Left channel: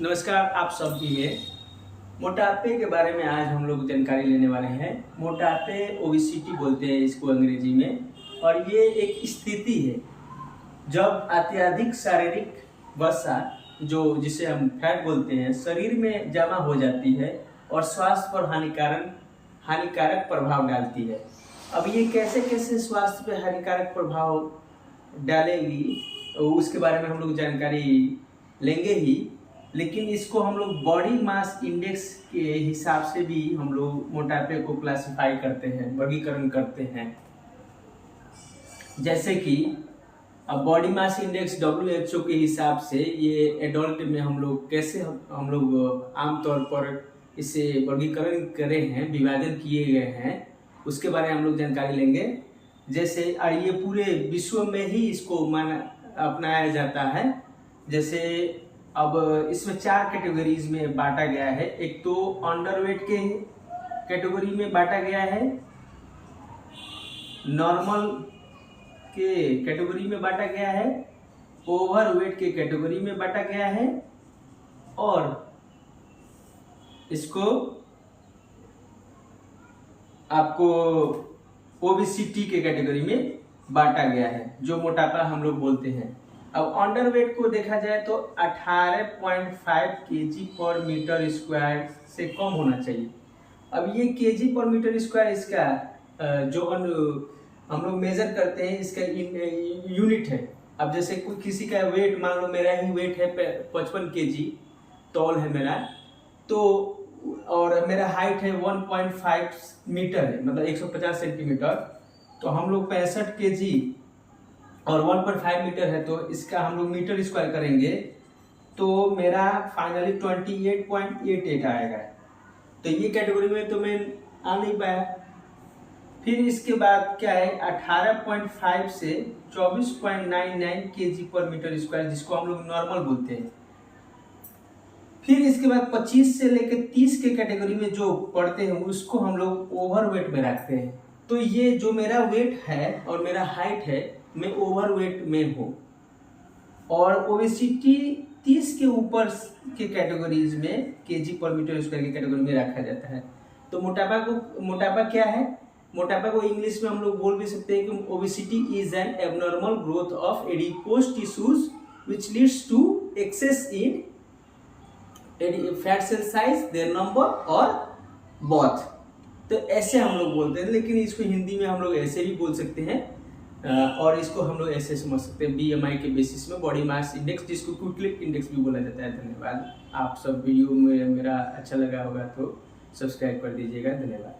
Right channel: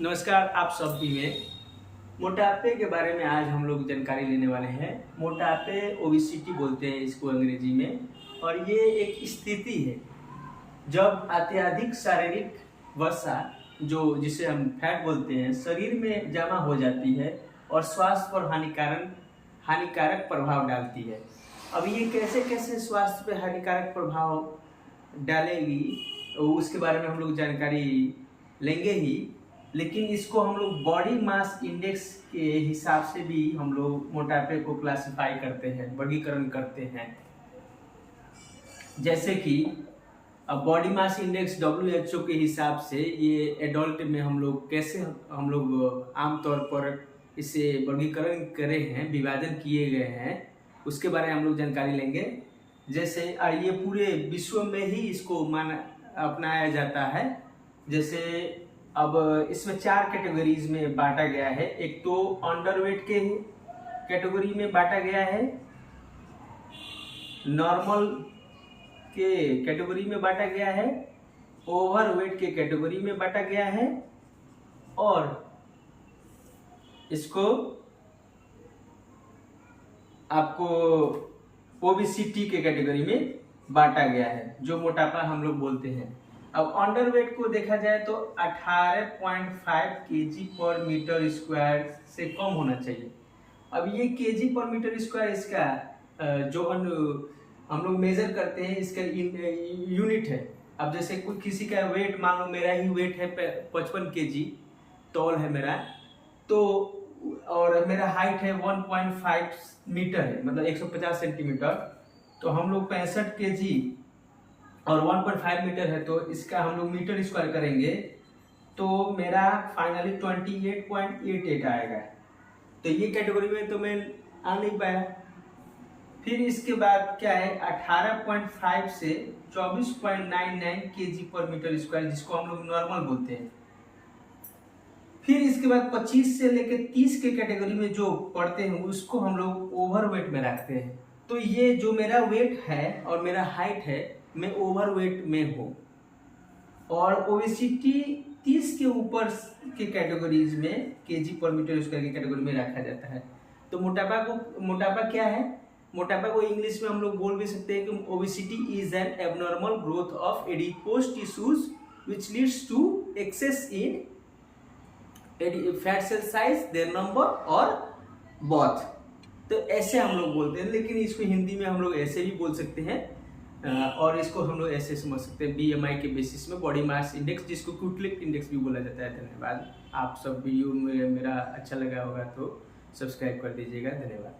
नमस्कार, आप सभी में मोटापे के बारे में आज हम लोग जानकारी लेने वाले हैं। मोटापे ओबेसिटी बोलते हैं इसको अंग्रेजी में, और ये एक स्थिति है जब अत्यधिक शारीरिक वसा जो जिसे हम फैट बोलते हैं शरीर में जमा हो जाती है और स्वास्थ्य पर हानिकारक प्रभाव डालती है। अब ये कैसे कैसे स्वास्थ्य पे हानिकारक प्रभाव डालेगी उसके बारे में हम लोग जानकारी लेंगे ही, लेकिन इसको हम लोग बॉडी मास इंडेक्स के हिसाब से भी हम लोग मोटापे को क्लासिफाई करते हैं, वर्गीकरण करते हैं। जैसे कि अब बॉडी मास इंडेक्स WHO के हिसाब से ये एडल्ट में हम लोग कैसे हम लोग आमतौर पर इसे वर्गीकरण करे हैं, विभाजन किए गए हैं, उसके बारे में हम लोग जानकारी लेंगे। जैसे और ये पूरे विश्व में ही इसको अपनाया जाता है। जैसे अब इसमें 4 कैटेगरीज में बांटा गया है। एक तो अंडरवेट के कैटेगरी में बांटा गया है, नॉर्मल के कैटेगरी में बांटा गया है, ओवरवेट के कैटेगरी में बांटा गया है, और इसको आपको ओबेसिटी के कैटेगरी में बांटा गया है, जो मोटापा हम लोग बोलते हैं। अब अंडरवेट को देखा जाए तो 18.5 kg पर मीटर स्क्वायर से कम होना चाहिए। अब ये kg पर मीटर स्क्वायर इसका जो हम लोग मेजर करते हैं, इसका यूनिट है। अब जैसे कोई किसी का वेट, मान लो मेरा ही वेट है 55 kg तौल है मेरा, तो और मेरा हाइट है 1.5 मीटर है, मतलब 150 सेंटीमीटर। तो हम लोग 65 kg और 1.5 मीटर है, तो इसका हम लोग मीटर स्क्वायर करेंगे तो मेरा फाइनली 28.88 आएगा। तो ये कैटेगरी में तो मैं आ नहीं पाया। फिर इसके बाद क्या है, 18.5 से 24.99 kg पर मीटर स्क्वायर, जिसको हम लोग नॉर्मल बोलते हैं। फिर इसके बाद 25 से लेकर 30 के कैटेगरी में जो पढ़ते हैं उसको हम लोग ओवरवेट में रखते हैं। तो ये जो मेरा वेट है और मेरा हाइट है, मैं ओवरवेट में हूँ। और ओबेसिटी 30 के ऊपर के कैटेगरीज में केजी पर मीटर स्क्वायर की कैटेगरी में रखा जाता है। तो मोटापा क्या है? मोटापा को इंग्लिश में हम लोग बोल भी सकते हैं कि obesity is an abnormal growth of adipose tissues which leads to excess in fat cell size, their number और बोथ। तो ऐसे हम लोग बोलते हैं, लेकिन इसको हिंदी में हम लोग ऐसे भी बोल सकते हैं, और इसको हम लोग ऐसे समझ सकते हैं BMI के बेसिस में, बॉडी मास इंडेक्स, जिसको क्यूटलेट इंडेक्स भी बोला जाता है। धन्यवाद। आप सब वीडियो में मेरा अच्छा लगा होगा तो सब्सक्राइब कर दीजिएगा। धन्यवाद।